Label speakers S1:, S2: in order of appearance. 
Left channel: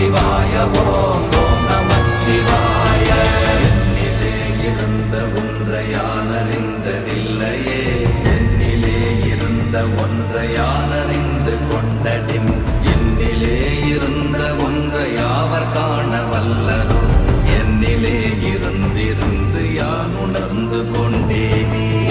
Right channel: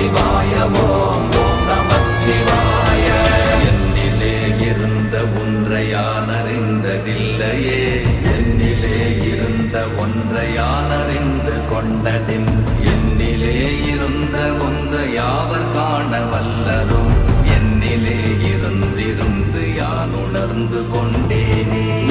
S1: சிவாய ஓம் நம சிவாய
S2: என்னிலே இருந்த ஒன்றையானறிந்த நில்லையே என்னிலே இருந்த ஒன்றையானறிந்து கொண்டடின் என்னிலே இருந்த ஒன்றை யாவர் காண வல்லரும் என்னிலே இருந்திருந்து யான் உணர்ந்து கொண்டேனே